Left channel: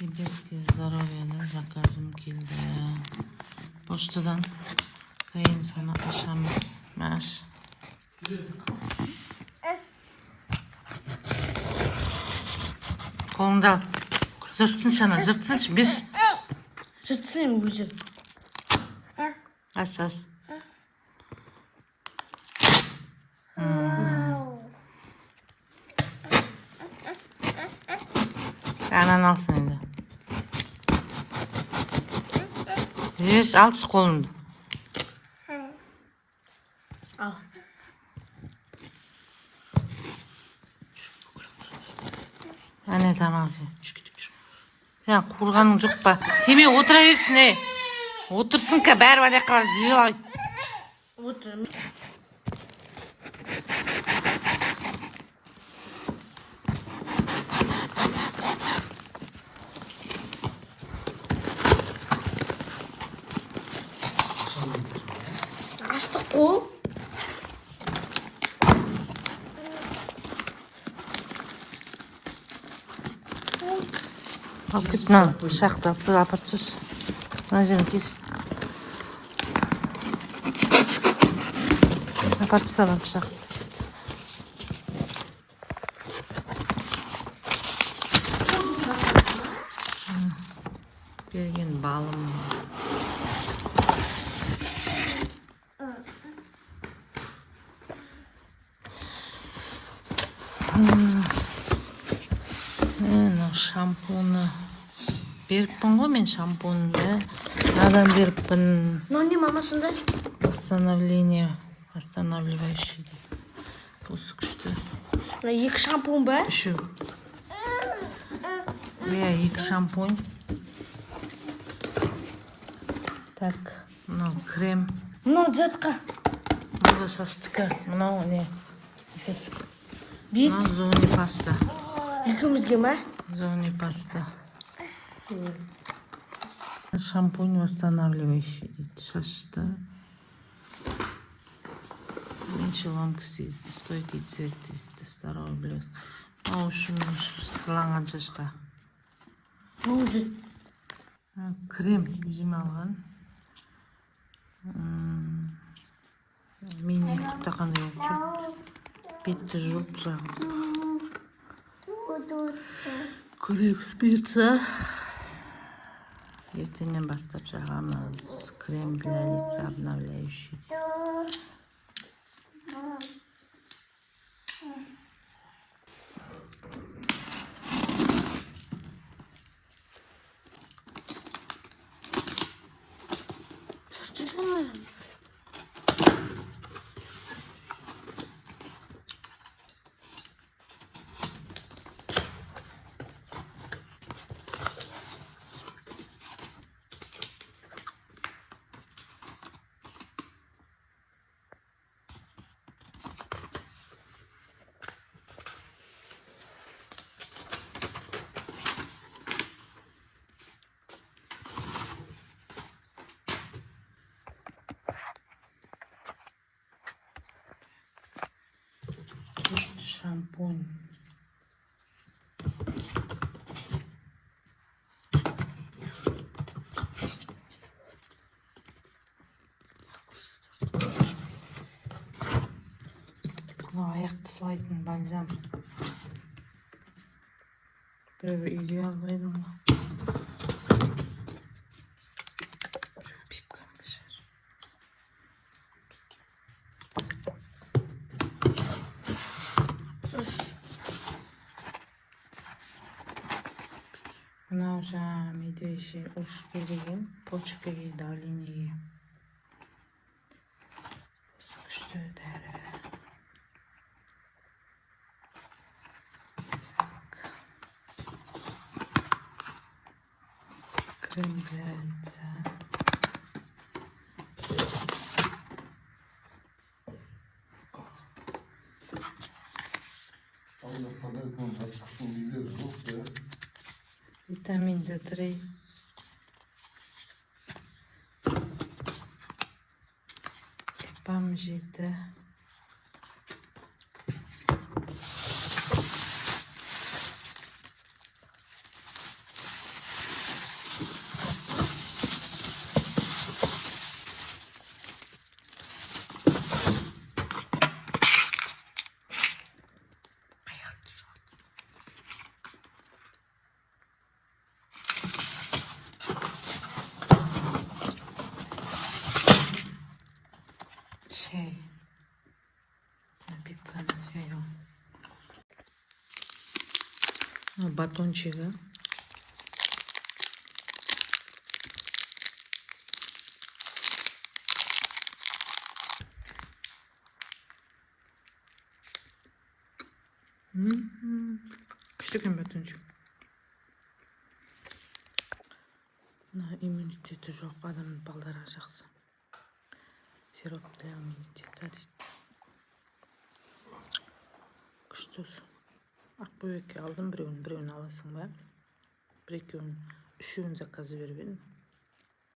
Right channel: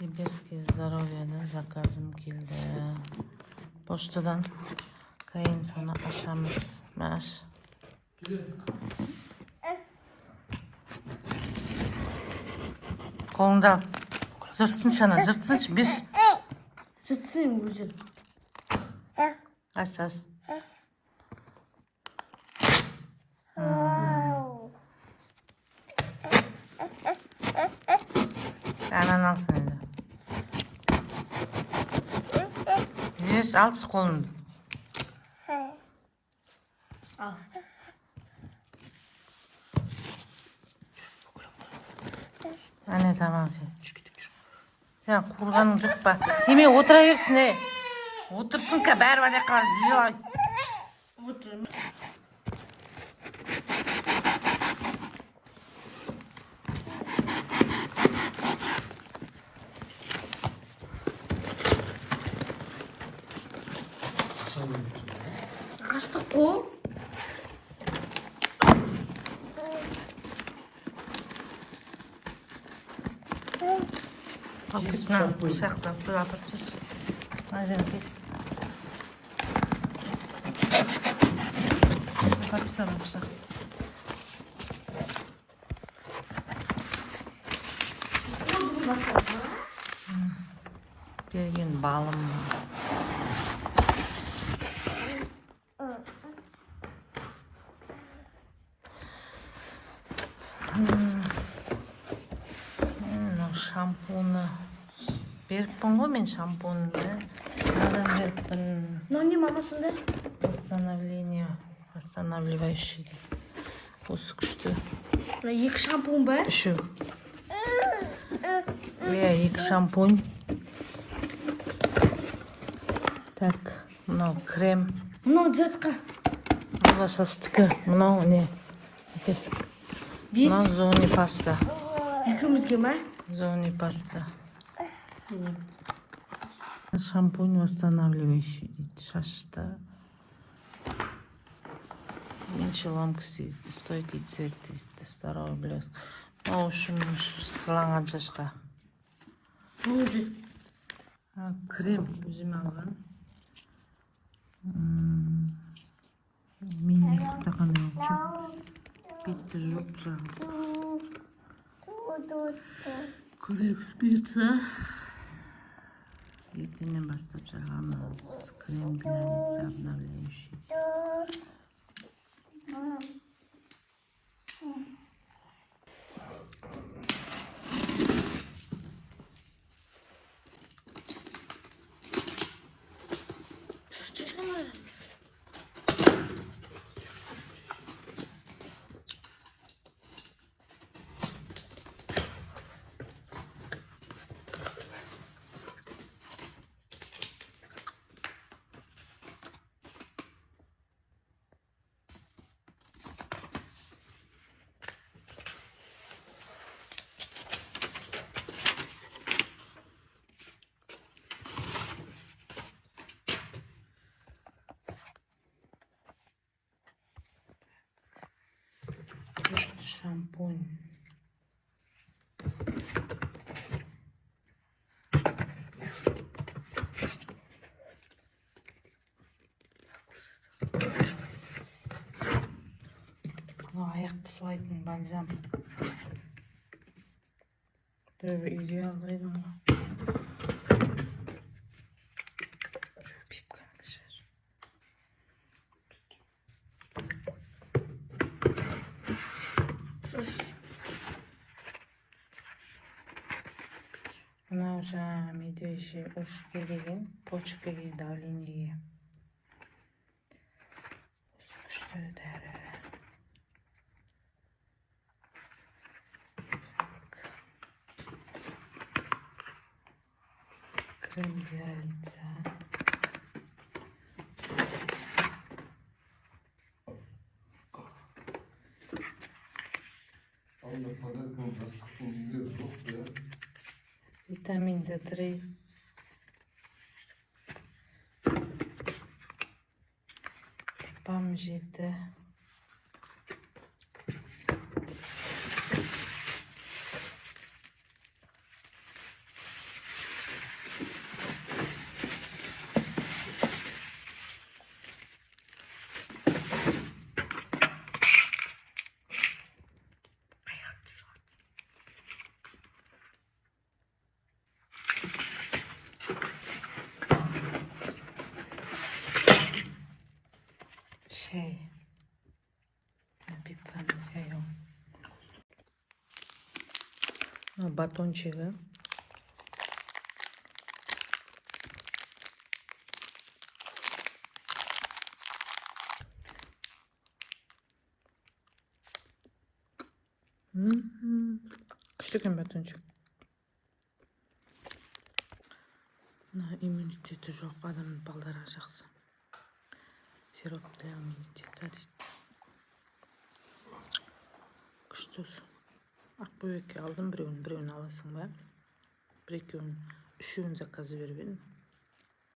Сибирское здоровье'dan заказым келді. Поштадан. Кейін соны ашамыз. Маш. Қолыңды ал. Жыртсыншы ана, жыртсыншы, беш. Жыртсын өзі. Аш. Ананы алсын енді. Жеш, алшы қолыңды. Ал. Әне тамақ же. Сен қурғаның жоқ па? Теме отыра берсін, Отырсын ка, бәрі бәле қалар жиылай. Отырым. Açtı kol. Al git lan, bıçakla, apırtsız. Nazire kes. Apırtsız al bıçak. Bergen balım. Шампуны беріппін ғой мен шампунды. Надан беріппін. Ну не мама сонда? Восстанавливающий. Осы күшті. Екі шампун ба? Үші. Екі шампунь. Мынау крем. Мынау детка. Мынау шастікі. Мынау не? Мынау зони паста. Екеумізге ма? Зони паста. Шампунь восстанавливающий дейді. Шашты. Меньше ломкісі. Стойкий цвет дейді. Старой блеск. Мынау үшін сыланған шашқа. Болды. Крем өзім алған. Мені құттақандай болып. Бетті жуып жағып. Крем спица. Ертеңнен бастап жағамыз. Крем для лица обновляющий. Шампунь. Аяқты сылайтын бальзам. Біреу үйге алайдым ғой. Мынау жаңа медвежий ушке деген, почкаге, давлениеге. Осы күшті дәрі. Крем для лица. Витамин D3. Epam 7. Батончигі. Күшті екен батончик. Иммунитеті жоқ адамның балдары жақсы. Сироп для иммунитета дейді. Күшті осы. Ақбөбекке алдым біреуін аласың ба? Бір екеуін, үшеуін заказы беріп едім.